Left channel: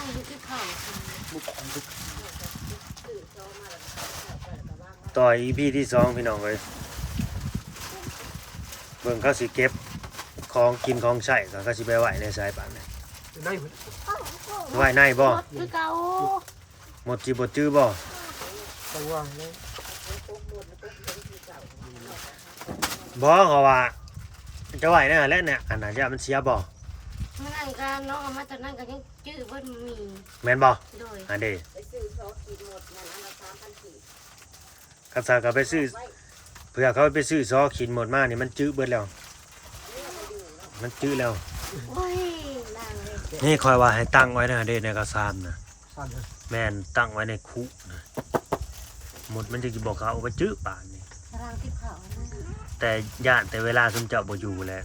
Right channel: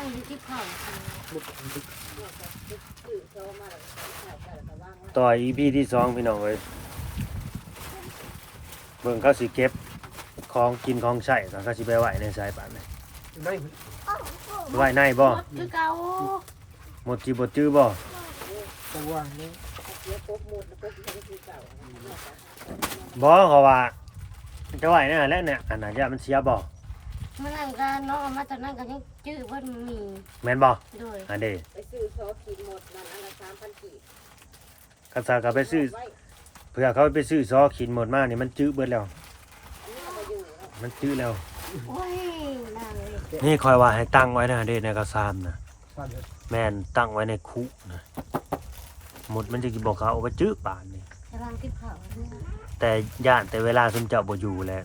ตั้งอยู่ที่เผาต่อย EP ที่2พี่น้องเอ้ยเบิ่งเขาสิเก็บของกินของใช้ก็เขาสิไปไว้ในสายป่านนี่ ได้ ไว้ในบ่ คือเก่า หมดสิบ่จื้อบ่ ต้องวางเลย บ่เขาว่าจะไว้นั่นแหละเนี่ยอันนั้นจะมันเสียบ่ มันนั่งกันน้องเอามาตอนนั้นก็ยังจื้อว่ามันมี แม่นบ่ โดย อันเด้ ไปซื้อซอสกินหมดมันอันละ3,000กีบ คันซาก็ไปซื้อเพื่อเขาไปซื้อซอขินหมดมานี่มันจื้อเบิดแล้วมันจื้อแล้ว โอ้ยนั่นเลย นี่คอยว่าให้ตั้งไว้นะเด้ในกระซามนะ สั่นเลย แม่นตั้งไว้ในคุนะหมดมันจะบอกเขาเอาไปจื้อป่านนี่ กำลังที่เผาเนี่ย แต่ย่านแต่เวลาซุมเจ้าบ่อยู่แล้ว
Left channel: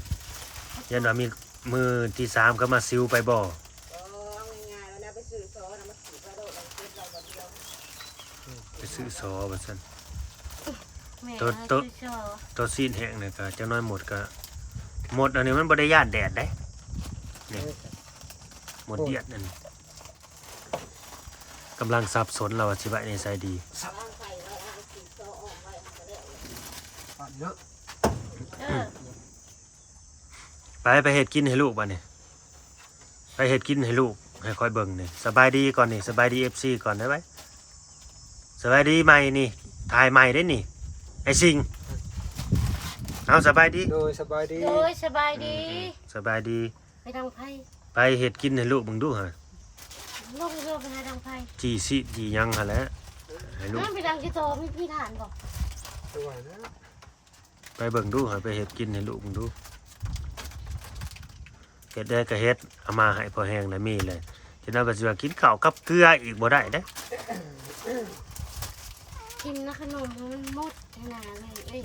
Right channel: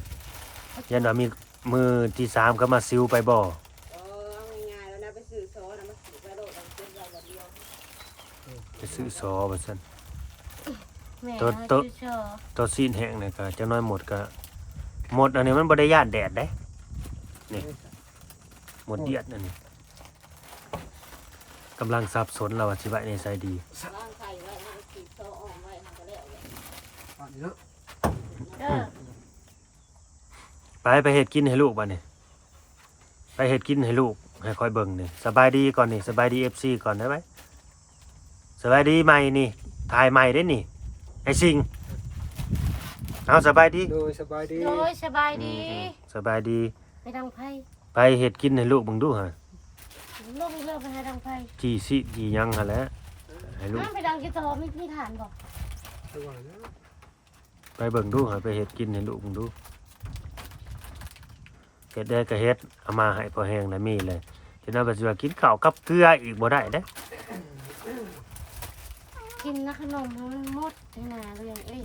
ยันว่ามีมือที่3ก็มาซิวไปบ่ เอาง่ายๆแล้วนะไปซื้อซอสนะมาซื้อไปโลดเป็นอย่างเดียว ไปซื้อซอว่าซั่น แม่ ตัว ชื่อชอ ตัวซีนแห้งนี่ก็จักหน้อยหมดก็หมดอันนี้มันบ่ได้ย่านแดดเด้นี่หมดเดียดนั่นนี่กำลังสับสนแล้วว่าสิไว้ในไสดี ล้างไข่ไว้เอาไปกินซอสออกไว้เอาไปแล้ว ปั่นเนาะ เออ ไปเฮ็ดกินให้ลูกบัดนี้ไปเฮ็ดกินให้ลูกให้คอยเบิ่งนี่สบายดีก่อนนี่สบายดี FC ก่อนได้ไหมสบายดีใหม่นี่ถ่ายใหม่ได้นี่ไอ้สิงเอาสบายดี โดยสบายดี โดยสบายดี สบายดี ไปทางไพ่ ไปเฮ็ดกินให้ลูกเบิ่งดูฮะ ลงเรือไปทางไพ่ จีสิจีหยังหั่นแหละให้ลูก นั่นไปทางกิโตไม่พี่ฐานบอก สบายนะ ไปเบิ่งดูฮะไปเฮ็ดกินให้ลูกเบิ่งดูเฮ็ดได้ก็เฮ็ดเอามาให้พอแห้งได้มีเลยฉะนั้นว่าสิว่ากินข้าวกับเกลืออีกบ่ได้เด้ กินนะขนมให้มันหมดหนาเลยเอ้ย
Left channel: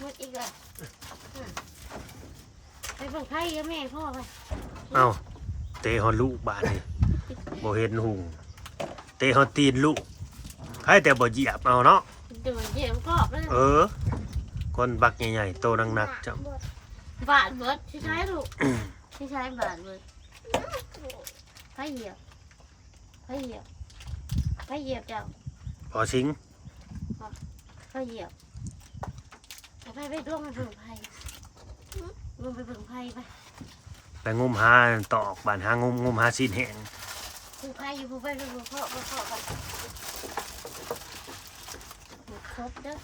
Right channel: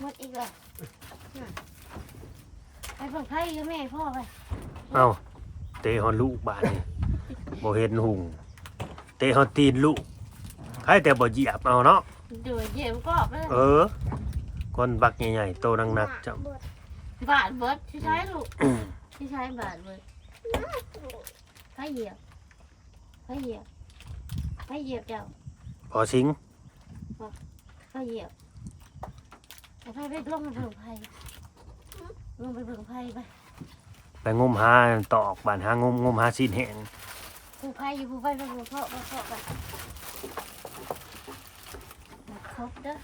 หมดอีกแล้วไปฝั่งไพ่เยอะแม่พ่อไป เอ้าเตะฮอดลูกบาดนี่บ่เห็นหุงเตะฮอดตีนลูกใครแต่บ่เหยียบเอาเนาะ ดูเยี่ยมกรอบเลย คนบักใหญ่ๆโตหนักๆจ้ะ บาดเบิดที่ใช้ลูกที่ใช้บาดเบิดไพ่เหยียบไพ่เหยียบไพ่เหยียบเจ้า พอสิง ไพ่เหยียบเอาไพ่ไปลงมาเบิ่งไพ่ลงไปเบิ่งไพ่ไป ไปงมหาตอกบ้านหางมหาซีนแห้ง ผู้ไพ่อยู่ผู้ไพ่ไปผู้พ่อไปหมดครบเด้อ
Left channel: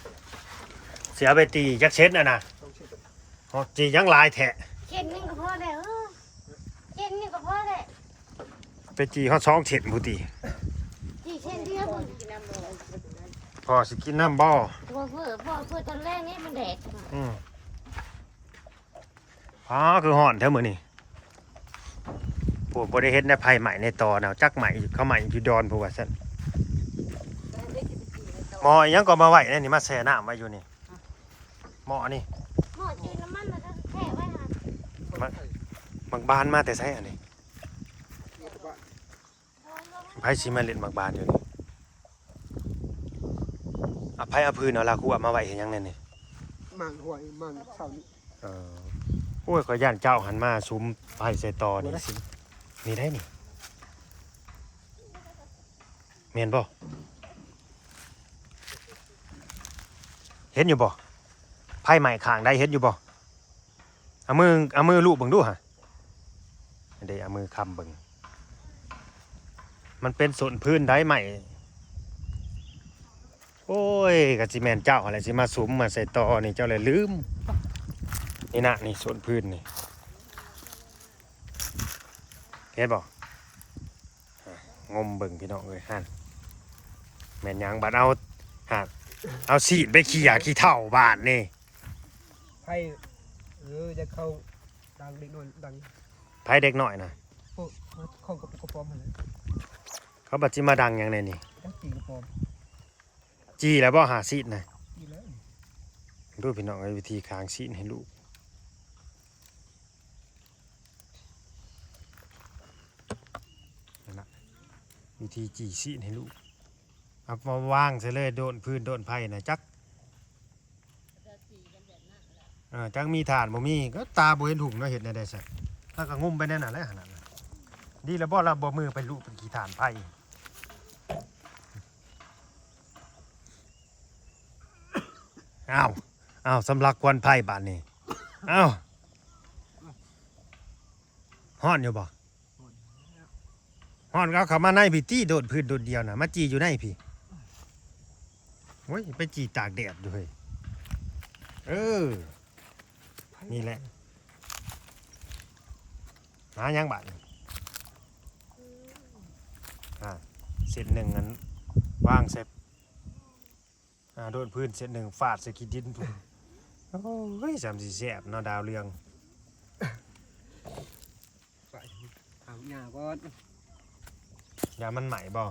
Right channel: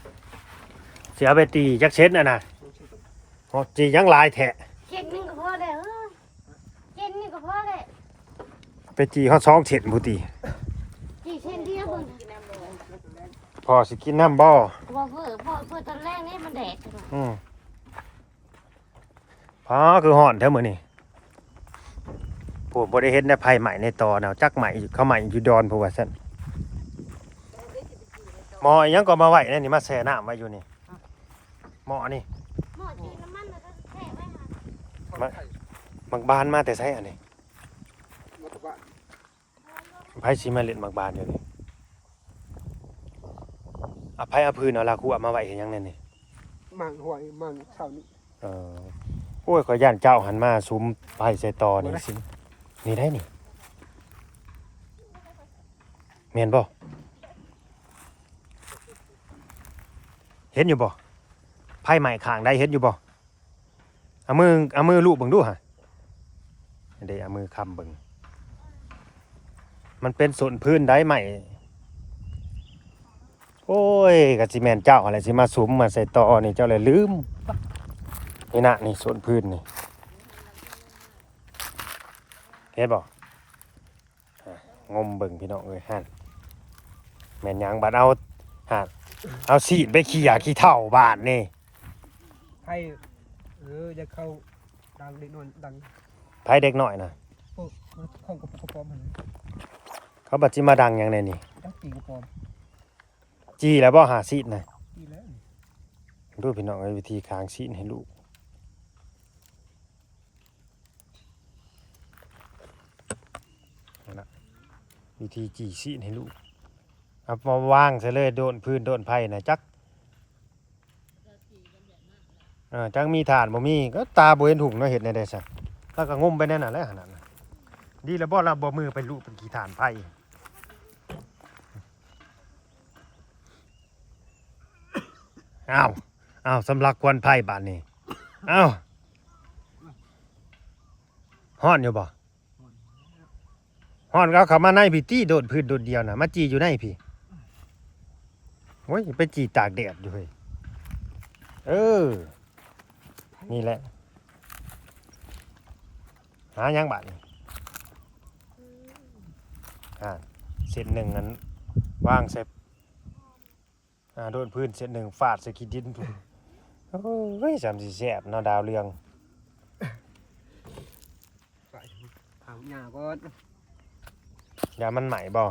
เสียไปตีจักเช็ดน่ะนะพอจียังหลายแทะ เจ็ดนึงก็พอแล้วเจ็ดนึงก็พอแล้ว ไปจีเขา2เช็ดผู้ตี กี่เช่นเดียวคน พอสิกินน้ำบ่ พอเพื่อตอนแรกนี่มันแดดใช่ไหม พอคือห่อนแท้มื้อนี้ผมบ่ได้เฮ็ดในไผใหม่ในตอแนวจักใหม่เขาใหม่อยู่ดอนผู้ว่าซั่นหม้ออิหยังก็มาไว้นี่มาแช่น้ำไว้อยู่นี่หม้อนี่ หม้อจืดน้ำมันนะครับแค่ไว้ค่ะ มักบานมาแต่ไสอันนี้ไผสิมาเล่นมักบานอยู่นี่อภัยอพื้นเอาละครูเอามาไว้เฮ็ดหยังแน่นี่ มั่งหวยมั่งเสานี่ โอ้ยขอย่านเจ้าหันมาซุ้มไผ่ใส่ตอนี่สินี่ได้นี่เมียนบ่เห็นอยู่บ่ไผ่ใหม่ข้างได้เห็นอยู่บ่เอามือลูบเบิ่งดูฮะเดี๋ยวเอามือค้ำเบิ่งมันเป็นส่วนพื้นได้ใหม่โอ้ยกะสิแม่นเจ้าอะไรสิมาซุ้มมาใส่ตอนี่เจ้าเลยลืมนี่นะนี่ส่วนพื้นนี่เห็นบ่งมเบิ่งพี่น้องเอ้ยหั่นแม่นหยังบัดเอาหั่นเอาสีดไปขี้ขี้เถ้าบ้านนี่ ไพ่จะเข้าดังเด็กนอนดัง ไผเด็กน้อยน่ะ พวกข้องกระปุกกระปอมอะไร เขาบัดสิมาดังหยังไดนี่ ดังปีกระปอม จี้แล้วบ่หาสีดน่ะ นี่แล้ว ดูพี่น้องเอ้ยวิธีค้างสีดให้ลูกนั่นล่ะวิธีจี้สีดให้ลูกเอามาวางซะเลยโดนพื้นโดนไผน่ะจัก จังมีฐานบ่มีก็ตาบ่เห็นถุงเนาะเฮ็ดแนวใดซะถ้าก็งมไปนั่นน่ะแหละขนาดนั้นดีแล้วบ่เราบ่มือไปลุเป็นขี้ฐานไผอ้าวสำลักควันไผ่บาดนี้อ้าวฮ้อนอยู่บ่ฮ้อนก็เอาเข้ามาในพี่ตี้โดดพื้นโดดเดียวน่ะมาจี้อยู่ในพี่โอ้ยไปจี้ตากแดดอยู่เฮ้ยนี่แหละหายังบาดนี่เสร็จหนึ่งนั้นวางเสร็จโดนพื้นเสร็จหนึ่งฟาดใส่ขี้ดินพุ่นโอ้ยจำสิแซ่บเนาะดาวเรือง ไปถามหญ้าก่อน ยามันใหม่บ่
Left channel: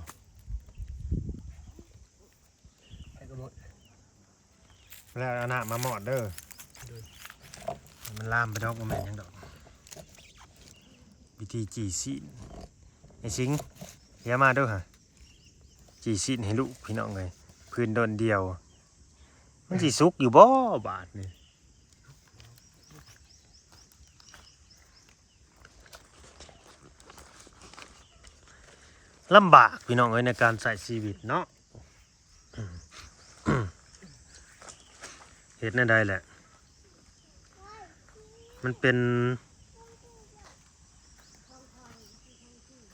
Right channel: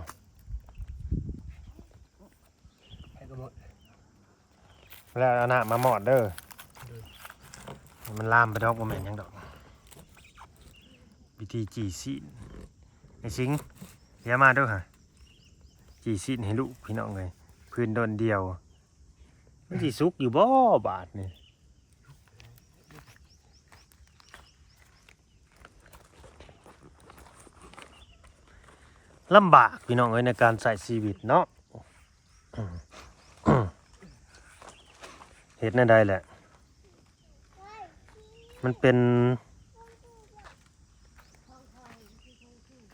ไปก็หมด แล้วเอาหน้ามาหมอดเด้อมันลามไปดอกบ่แม่นหยังดอกวิธีจีซีนไอ้สิงอย่ามาเด้อฮะจีซีนให้ลูกพี่น้องเลยพื้นโดนเดียวมันสิสุกอยู่บ่บาดนี่ลำบากพี่น้องเอ้ยในการใส่ชีวิตเนาะเฮ็ดแนวใดแหละมันเป็น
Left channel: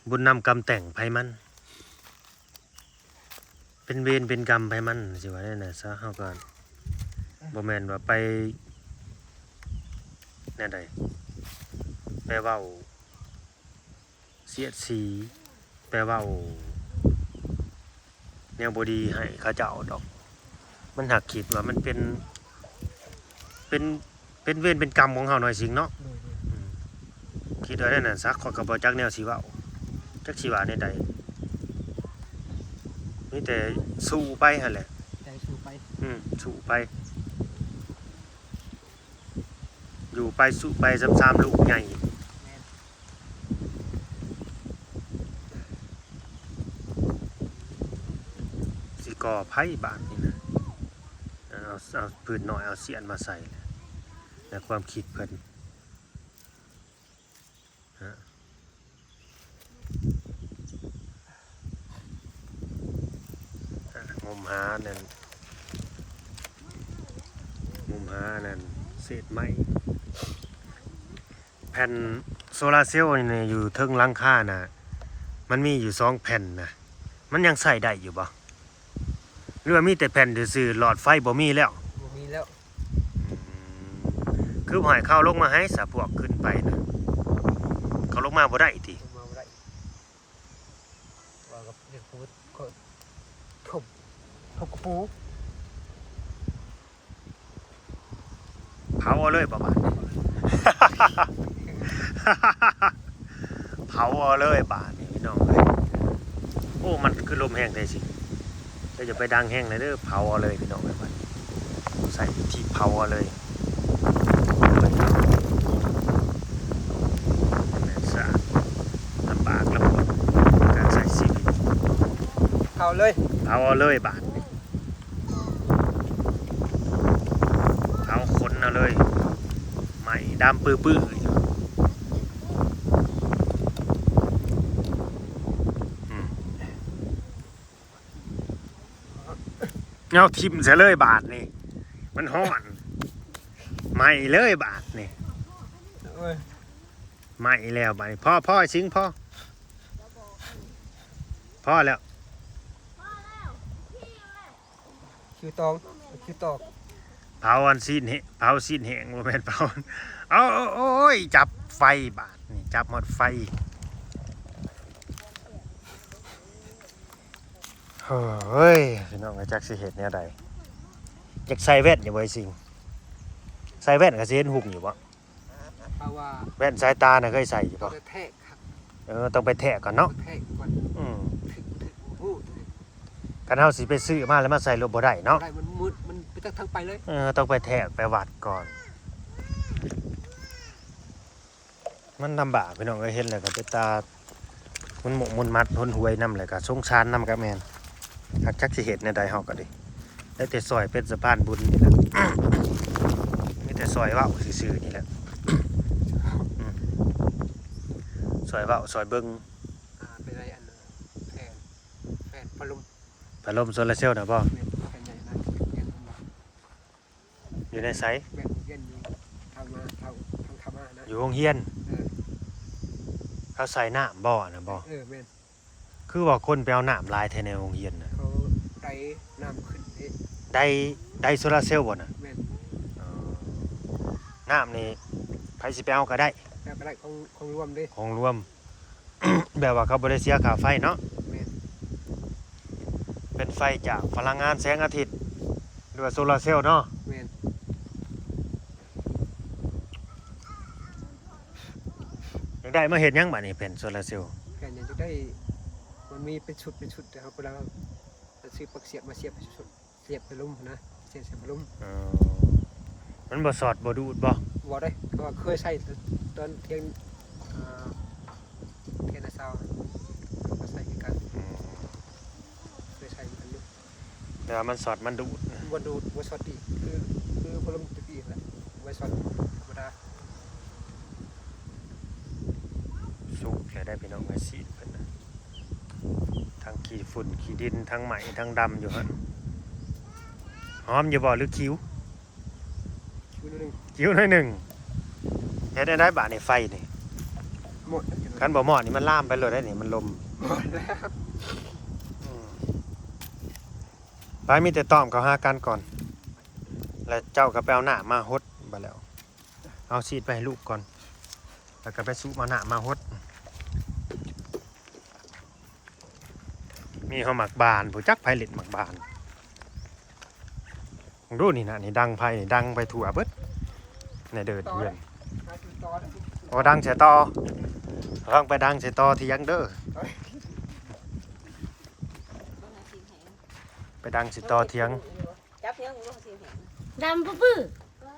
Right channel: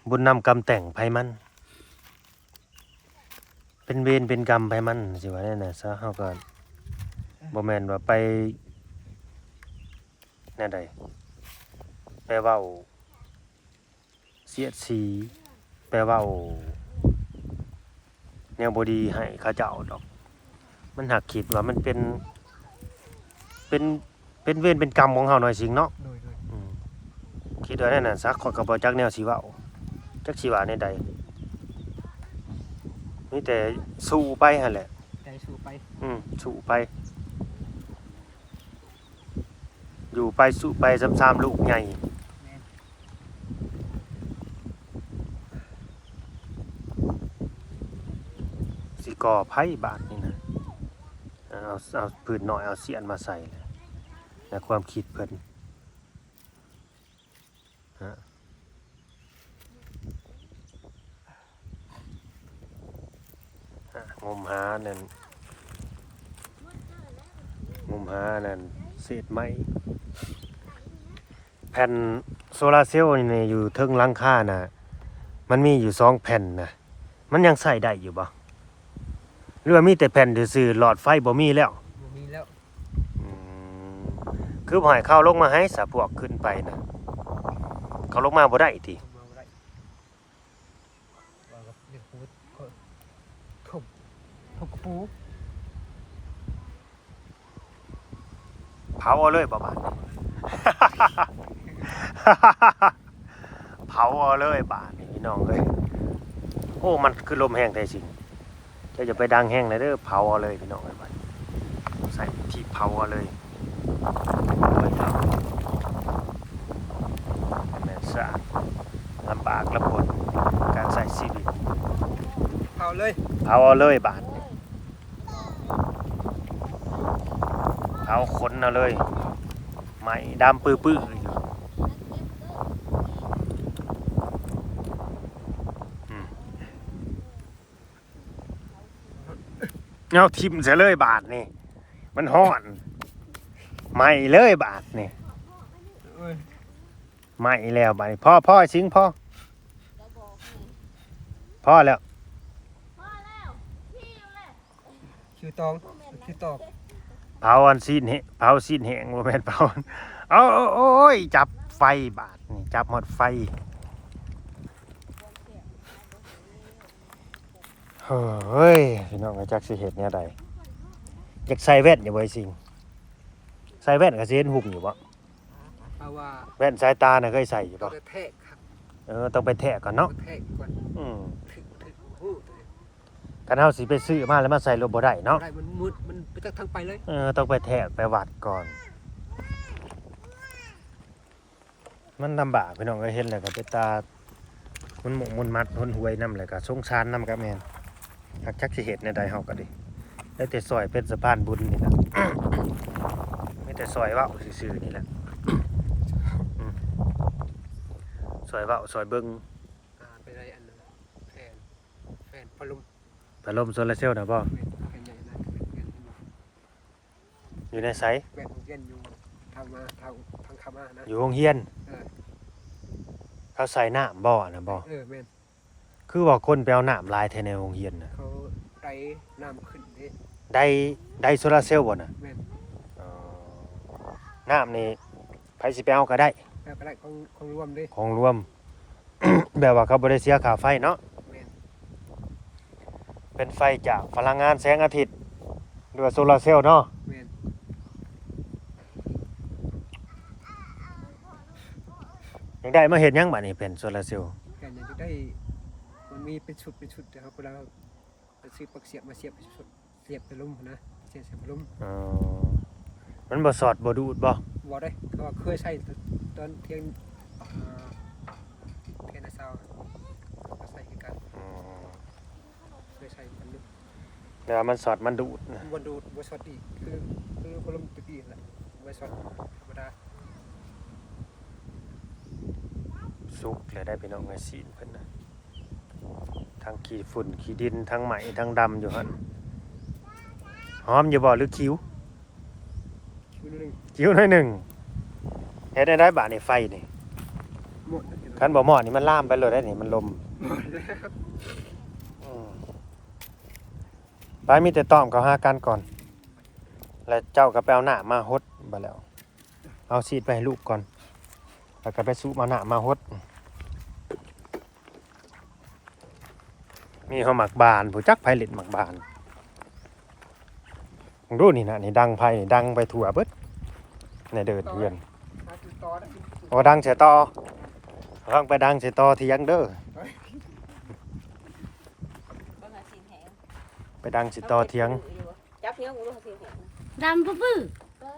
บุญนำกรรมแต่งไผมันเป็นเวรเป็นกรรมไผมันสิว่าแน่น่ะซะเฮาก็บ่แม่นว่าไปแนวใดไปเว้าเสียดสีไปเว้าแนวบ่ดีให้เขาเจ้าดอกมันหักคิดว่ามันเป็นเวรเป็นกรรมของเฮาหน่อยสิงเนาะ โดย คิดว่าแน่น่ะซะข้อยก็บ่จักแนวสิเว้าจักสิว่าแนวใดมีแต่สู้ไปหั่นแหละ ใจสู้ไป สู้ไปอยู่ไปสู้ไปซ้ำๆลูกใหญ่สิก่อไผบาดนี่นะเอาปืนน้อยเอาเสียนมาใส่ในความคิดเพิ่นงมหานั่นเศษไม้แผ่นโซลาร์เซลล์นี่อยู่เทิงหลังคาน่ะมันมีอยู่2แผ่นนะมันยังใส่ได้อยู่บ่หรือว่ามีแต่แผ่นซื่อๆหลอดไฟบ่มีแล้ว มีแล้ว คือบ่ให้เข้าลงมาให้สะพวกขึ้นไปนะเขาลงมาบ่ได้ติ มาบ่ได้ว่าก็เรียกพูดทุบกระปู เผาเอาเลยบ่บาด เผาเอาเลยบาดนี่พี่น้องเลยโอ้มันคือลมแห้งแท้สิจะอย่าไปดังแห้งเลยเด้อเผาเอาเลยพี่น้องเลยบาดใส่ที่เผาเอาเลยสะอาดลำบากลำบนการใส่ชีวิต เอาเลย เผาเอาเลยบาดนี่เผาขนเอาเลยไหม้ดำปื้อๆอยู่เอาทิ่มเสียเลยบาทนี่มันฮ้อนไหม้เลยบาทนี่ เอ้ย ไหม้แล้วบาทนี่พ่อชิงพ่อแล้ว คิวตองคิวตอก เผาอันซีนเผาซีนแห้งบ่แม่นเผาเอาโอ้ยจับไฟบาทนี่จับหมดไฟเฮ้ยพี่น้องจักสิเฮ็ดแนวใดอยากใส่แว่นอยู่บ่ไอ้สิงใส่แว่นก็สิเห็นหุ่งอยู่บ่ เอาว่า แว่นสายตาน่ะเคยใส่อยู่ ต้อ บ่ งแทกครับ ต้องไปแทะก่อนเนาะ แทกก่อน ถึงโอ้โห กันเฮาสิไปซื้อมาแล้วมาใส่รถบ่ได้เนาะ ได้มันมืดมันไปทางไปเลย ต้องไปแทะไปวัดก่อนมันลำบากพี่น้องก็เห็นแล้วก็ไปตามันหมกมันมัดหนหวยนำเลยก็สงสารนำกับแม่นหักจักสิเฮ็ดในใดเฮาก็ดิได้แต่ซอยเป็นสะพานบุญนี่ล่ะ มีแต่ ซอยเว้าซื่อๆนี่แหละ ซอยเว้าซอยเบิ่ง เป็นไรอันแฟนพัดลม พัดลมโซลาร์เซลล์น่ะบ่ แม่นแฟนใหญ่นะเรียนมา อยู่ในไส แม่นเรียนอยู่ทางขามานะ อยู่โรงเรียน เออ เขาใส่น้ำบ่น่ะบ่ แม่น คือว่าคนไปเอาน้ำลายแท้ในโรงเรียนน่ะ เขาไดน้ำขึ้นเด้ ได้โซลาร์เซลล์บ่น่ะ แม่น น้ำนี่ไผสิไปเอาก็ได้ แบบอะไรของรวมเด้ ของรวม แบบว่าเขาบ่ได้เสียค่าไฟเนาะ แม่น เป็นไฟจากพลังงานแสงอาทิตย์หรือว่าโซลาร์เซลล์เนาะ แม่น ยังได้มาเฮ็ดหยังบัดนี้เป็นโซลาร์เซลล์ แฟนอยากจะได้มันมีเป็นชุดนะครับเวลาเราซื้อปักเสียบมาเสียบชุดเสียบไปลุ่มนะเสียบไปลุ่ม มันบ่สอดบ่ดูดบ่ บ่ได้ก็เคยใช้ตอนเรียนเรียนซาวมาใส่กันเคยใช้กันอยู่ แต่ว่ามันสอดมันดูดนะ บ่ดูดบ่ช็อตอีกคือพัดลมตัวนี้แหละบ่ช็อตธรรมดา สุกเลยได้พี่น้องไอ้สีเพิ่นน่ะทั้งขี้ฝุ่นขี้ดินทั้งไหมทั้งดำอยู่หั่นหอมอยู่บ่หรือคิ้ว คิวนึง คิ้วหน่อยหนึงเฮ็ดได้บาดนี่ไฟนี่ หมด คันบ่หมอดนี่มันลามไปเลยได้นี่มันลม หมดแล้ว ไปมีแต่ต้อมเขาหากันก่อน แล้วเจ้าก็ไปเอาหน้ามาฮดบ่แล้ว เอาซีดไปให้ลูกก่อน แล้วก็ไปซุมาหน้ามาฮด มีเฮาหมักบานผู้จักไผเล่นหมักบานมึงดูนี่นะนี่ดังไผนี่ดังไปทั่วเบิดในเดินเพื่อน มาติดต่อได้ โอ้ดังเสียต่อฟังไปดังเสียต่อที่ยังเด้อ ต้องหาสินแหง ไปดังเสียต่อเที่ยง จับเพียงงูสินแหง ดำปื้อ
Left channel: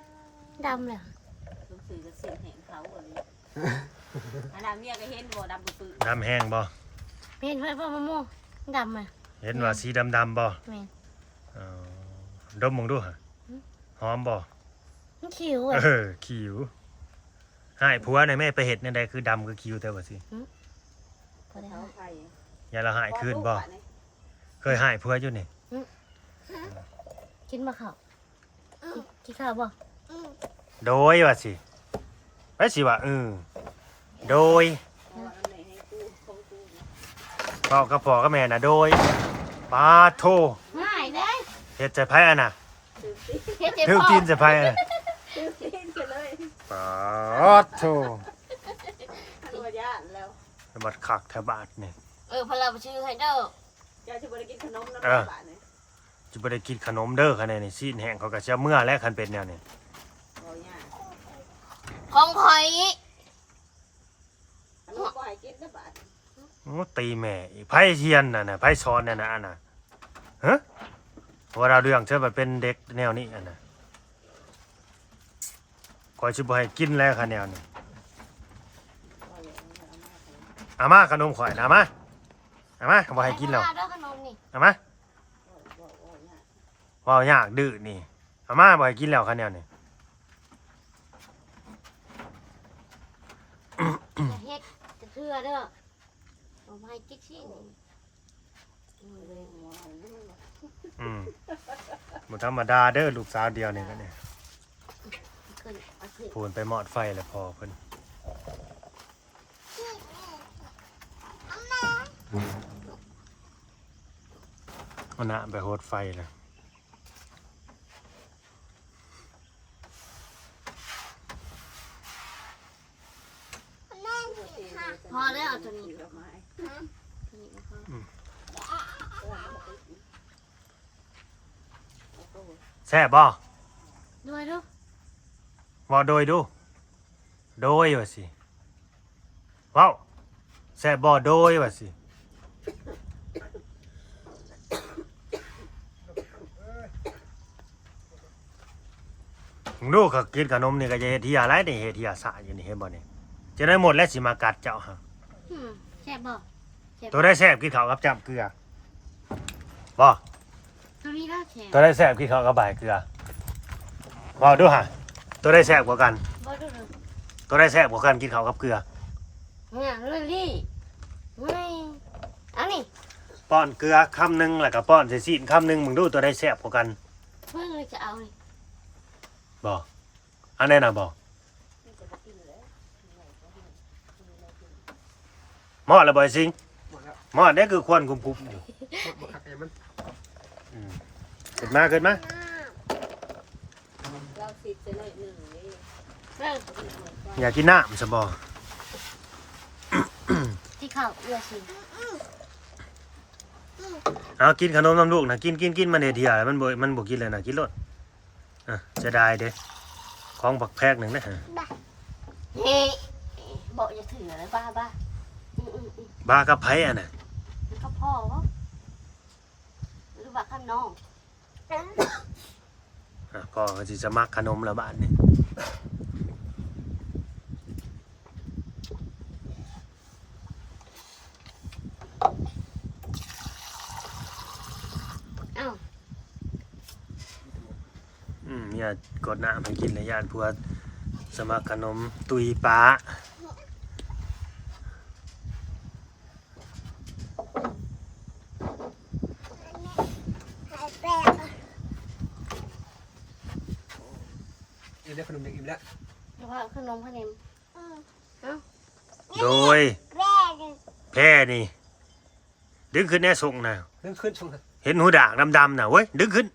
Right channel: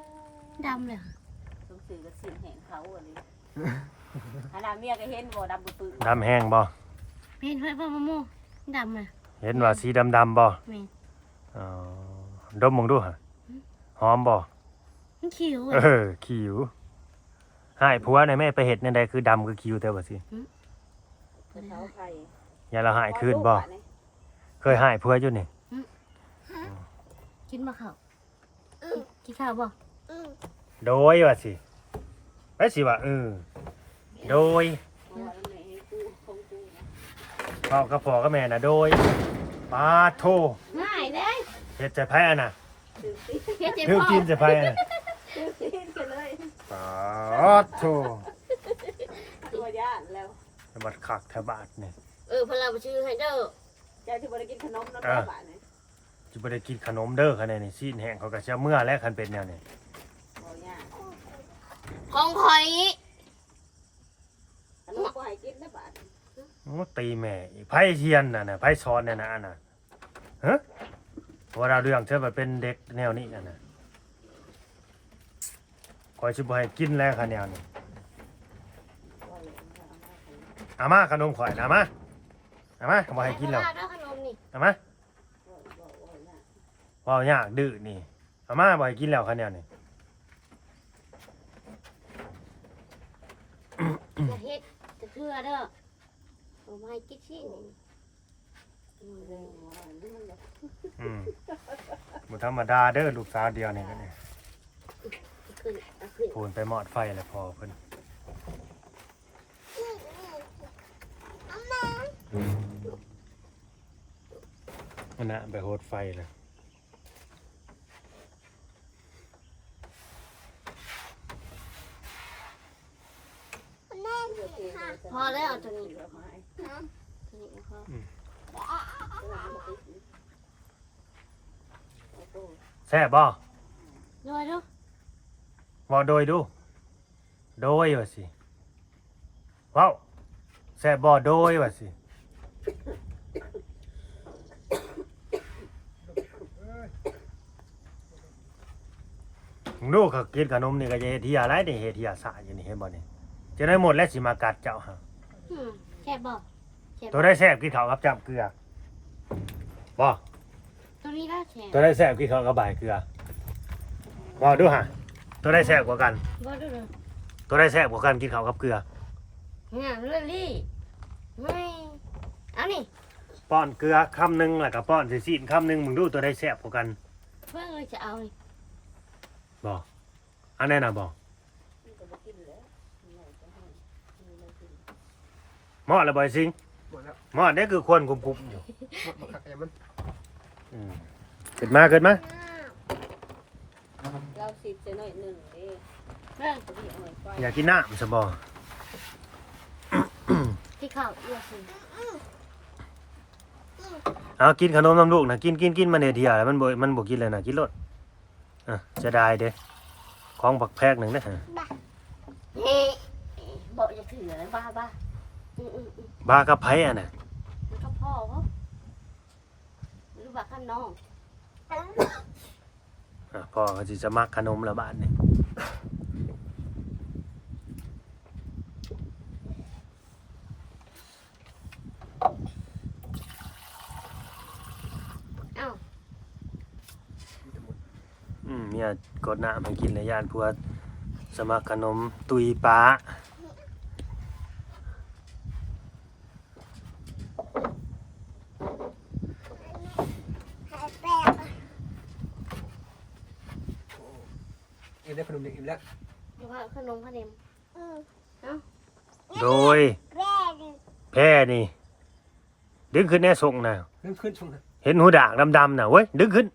ๆดำเลย ต้องซื้อกับสินแหงเขาอันนี้อันนั้นเมียก็เห็นบ่ดำปื้อ น้ำแห้งบ่ เป็นไฟฟ้ามะม่วงดำอ่ะ เห็นว่าสีดำๆบ่ แม่น อ๋อดมมึงดูฮะหอมบ่ มันขิว เอ อ่ะ อคิวหายผัวในแม่ไปเห็ดในใดคือดำคือคิวแต่ว่าสิ ก็ได้ เขาไข่ อย่าเราหายคืนบ่เคยหายผัวอยู่นี่ กินบ่ข้าวกินข้าวบ่ โดยว่าสิไปสิว่าโดย เพราะว่ามันให้กูของกูนะ พ่อกับพ่อกับแม่น่ะโดยปาโท ง่ายเด้ เฮ็ดใจไผอ่ะน่ะ เฮ็ดเจ็บ ถึง พ่อ ตีนใจไผอ่ะ ซื้อกินไปเลย ปาโท ตัวย่านแล้ว บัดคักแถวบาทนี่ พอเราไปชื่อให้เด้อ จะบ่ได้กินขนมแล้วบาดนี่ สิบ่ได้กินขนมเด้อคันนี้ซีนแห้งเขาก็สิเอาเมื่อแล้วคันเป็นแนวนี้ บ่ย่าน ของข่อย ขนมก็ให้กินนะบาด โอ้ตีแม่อีกไผเทียนน่ะไผสอนนั่นน่ะอันน่ะฮะว่าเราเรื่องเธอว่าเป็นเด็กแนวนี้อันน่ะคอยสิบ่ให้กินแล้วค่ะแนวนี้เอามาขนมข่อยนะเอามาบ่ให้กินแล้ว เด้อขนมนี่ เอามาว้าวยากดื้อนี่เอามาบ่ให้กินแล้วค่ะแนวนี้ อย่าเฮ็ดจะเทื่อเด้อบ่ให้กินสิ บ่ธรรมดาเด้อลูกสาวเดียวนี่ก็เนี่ย ขึ้นเอาขึ้น พูนไปหมอดไฟแล้วพอเพิ่นเอาหน้าไปโหดไฟเลย พอได้เอาตัวนี้ตัวนี้พอ แซ่บบ่ ด้วยเด้อ บ่โดยดูโดยว่าสิเว้าแซ่บบ่โดยว่าสิมึงดูเขากินขนมนี่ก็จะเฮ็ดเหียอะไรนี่เฮ็ดเหียสะอยู่นี่เห็นบ่นี่จะได้หมดแล้วสิมากัดเจ้าฮะ แซ่บบ่ ตัวได้แซ่บกินข้าวกับจับเกลือบ่ ตัวนี้ได้แซ่บ ตัวได้แซ่บกินข้าวกับใบายเกลือบ่ดูฮะ ตัวได้แซ่บกว่ากัน บ่ดูเลย ตัวได้แซ่บกว่ากันกินข้าวกับเกลือ เนี่ยเรื่องนี้ไม่เอานี่ ป้อนเกลือคำหนึงแล้วก็ป้อนใส่ซีนคำหนึงมึงดูตัวได้แซ่บกว่ากัน เพิ่งเลยจะเอานี่ บ่อันไหนน่ะบ่หม้อละบ่อยสิง หมดแล้ว หม้อนี่คือควรกุมๆอยู่ หมดคักไอ้มัน เกิดมาเกิดมา เราสิจะหน่อยหนึ่งนี่ เรื่อง อยากกินน้ำซะบ่ ที่เขาเลือกสิ เอากินขนมน้ำลูกนะกินมันเดียวแล้วมันบ่กินเลยนะกินรสอ่ะจะได้เด้ของบักแพกหนึ่งนะฮะ เฮ้บอกอย่าถือเลยบ้าอืม บากับไผอ่ะน่ะ แล้วก็พ่อเขาหรือว่าข้างนอก พ่อก็สิจะมักขนมละบาทนี่ อ้าว เนี่ยกดน้ำให้กินในย่านพวกสมัครขนมตุยป้า เอ็นได้ขนมเด็กอิ่มแล้ว หรือว่าขนมขนม โดยแพร่นี่ ดึงขึ้นแน่ส่งนะ เริ่มขึ้นช่วงครับ เห็นหูด่างดำๆน่ะเว้ยดึงขึ้น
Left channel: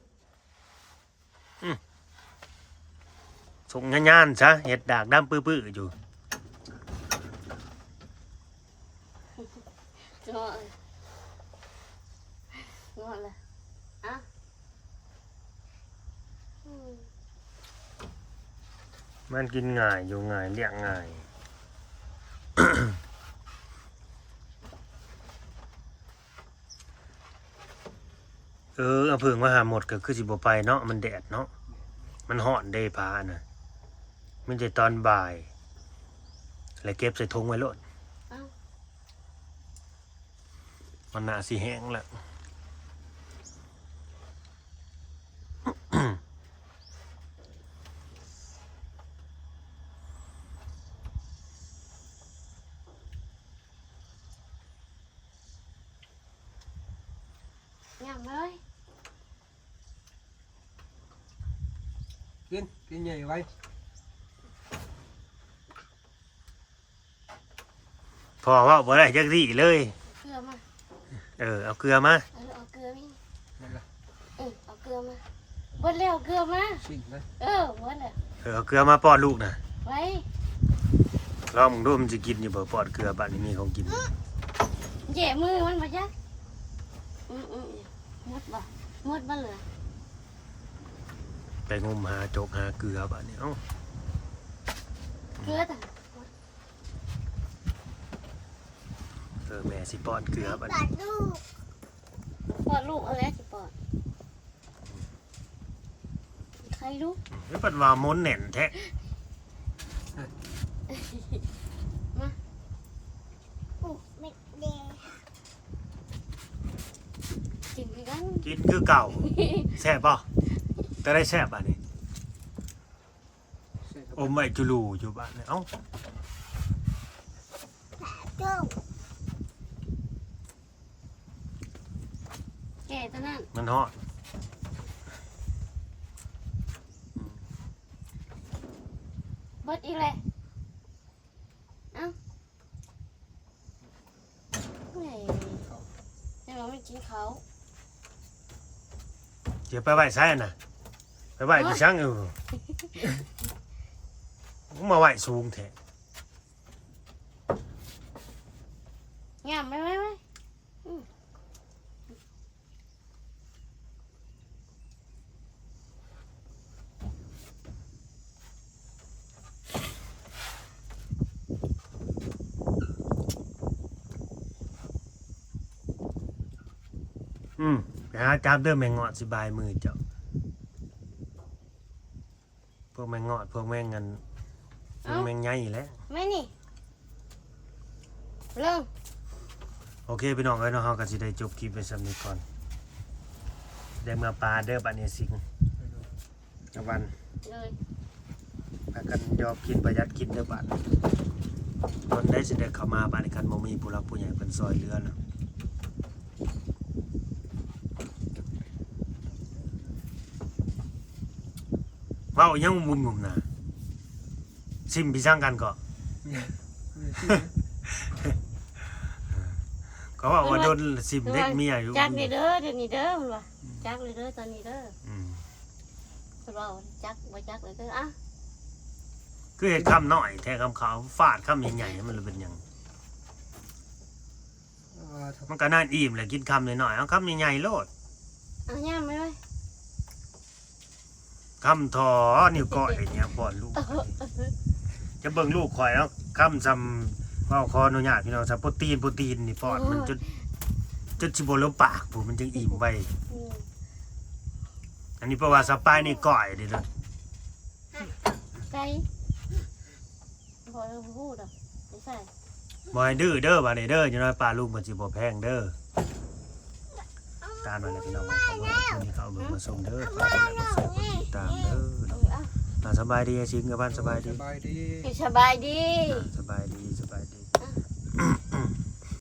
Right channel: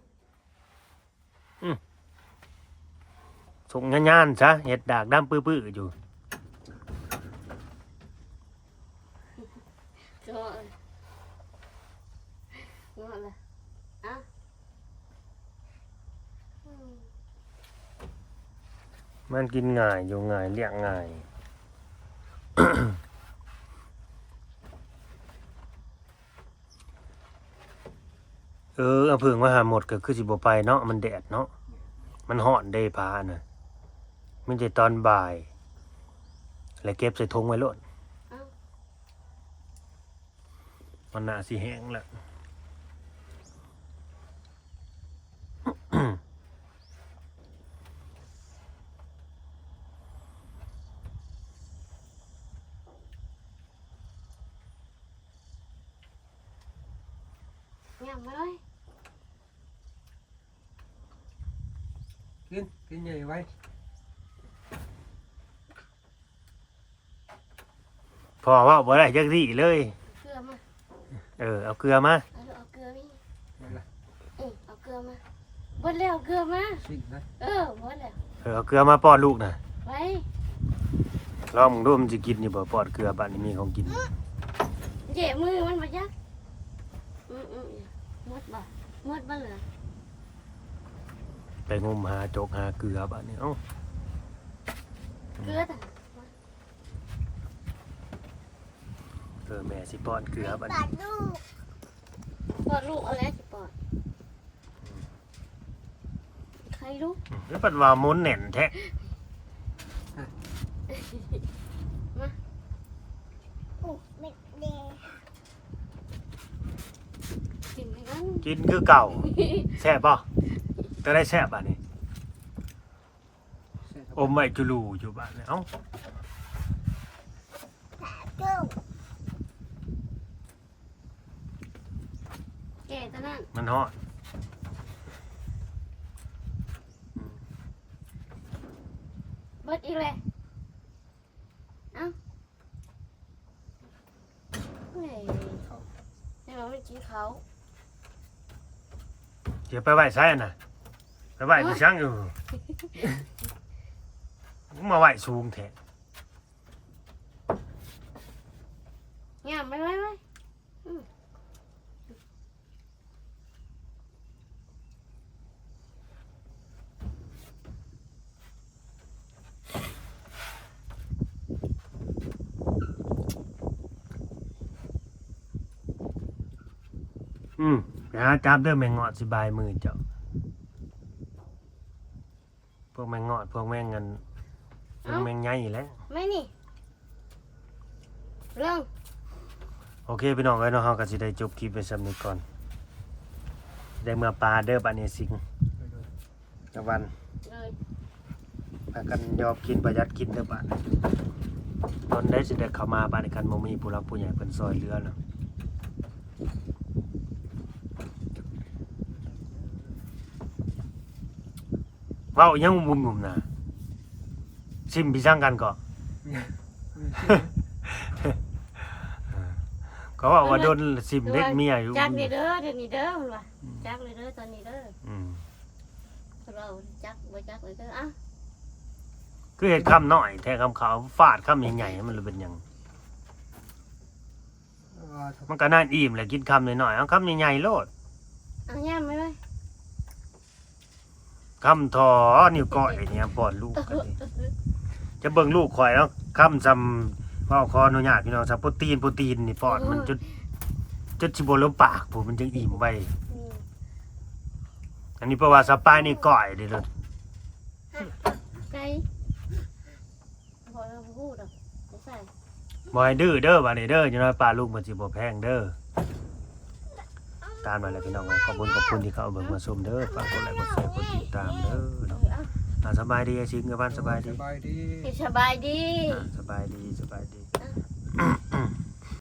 ส่งงานๆซะเห็ดด่างดำปื้อๆอยู่ จอเงอนเลยอ่ะ มันกินง่ายอยู่ง่ายเลี้ยงง่าย เอาเพิ่งว่าหาหมดก็คือสิบ่ไปเนาะมันแดดเนาะมันฮ้อนเด้พาน่ะมันจะตอนบ่ายแล้วเก็บใส่ถุงไว้โลดมันน่าสิแห้งแล้ว ยำเลย กินใหญ่ไว้ พอว่าบ่ได้จักซี่เลย เกลือมา เอาเกลือมา เอาเกลือนี่ นั่นละ เอาเกลือมาเบิดแล้วเกลือมา ชิ้นนะ เบิดแล้ว เอาเกลือมาป้อนลูกน่ะ ไว้ ลองมึงดูมันสิกินอยู่บ่ป้อนเกลือบัดนี้มีของกิน แย่มือมันบ่จักมดบ่เหลือ ไปงมหาจกหาเกลือบัดนี้เอ้า เกลือแต่ แม่สิป้อนเกลือบัดนี้ ปอดลูกอะไรจะปอดใครรู้ แล้วปัดว่าม้นแน่นแท้ กินกัน กินคือเก่าแซ่บบ่แต่ได้แซ่บบัดนี้ ใช่ครับ อมไว้จุลูอยู่บ้านเนี่ยเอ้า แก่ตอนนั้น มันฮอด เบิดอีกเลยเอ้าเฮ้ย เขา นี่มันไม่กินเขา เดี๋ยวไปไหว้ไสน่ะไปไหว้ที่ช่างอยู่มาไหว้สูงแท้ งามไหมไปหาจับเด้อแมงเงาะสิบายมือเจ้าพวกแมงเงาะพวกแมงเงินแมงใหญ่แหล้ว ไม่นี่เริ่ม โอเคพี่น้องเอ้ยเนาะเฮาก็สิได้จบคลิปไปซ้ำนี้ก่อนได้เมื่อปลาเด้อบัดนี้สิง โดย จังหวัน เลย พากันยอมกินประหยัดกินเด้อบัดนี้ตอนได้สิได้เข้ามาบ้านกันบ่มีผู้รักผู้ใหญ่เพิ่นซอยเหลือเนาะเว้ายังมุมๆน่ะซิมพี่สร้างกันก็ ก็ว่าโดนซิมเด็กเมียอยู่ จักเลยเด้อเดี๋ยวนี้เด้อมันว่าจักเลยเด้อตอนนี้เด้อ อืม เราจักบ่จักเลยเด้ออ่ะ คือเห็ดคำน้อยแทนคำขาวฟาดคำใหญ่ๆมันเลยเป็นหยัง มันก็น่าอิ่มแหละกินคำน้อยๆเอาคำใหญ่ๆโลด เอาย่างไหมเลย คำทอนิ้วก้อยเนี่ยป้อนลูกจะเบิ่งลูกข่อยแล้วคำจำว่าคออนุญาตพี่น้องซับโปรตีนนี่ป้อนมันจุดสิบ่ลงปากผมมันจึงอิ่มไว้อันนี้เพราะว่าสปายนี่ก้อยเด้อ ใส่พอเราพูดอ่ะไม่ใส่ บ่ให้ดื้อเด้อบัดนี้เด้อจังน้อยปลาลูกมันสิบ่แพงเด้อตามมาแล้วพี่น้องขอบคุณที่เข้าเบิ่งมาชมเด้อฝากกดไลค์กดแชร์กดติดตามเด้อเนาะสบายดีไอ้ชิงกับบ้านสบายดี สบายดี สบายดี สบายดี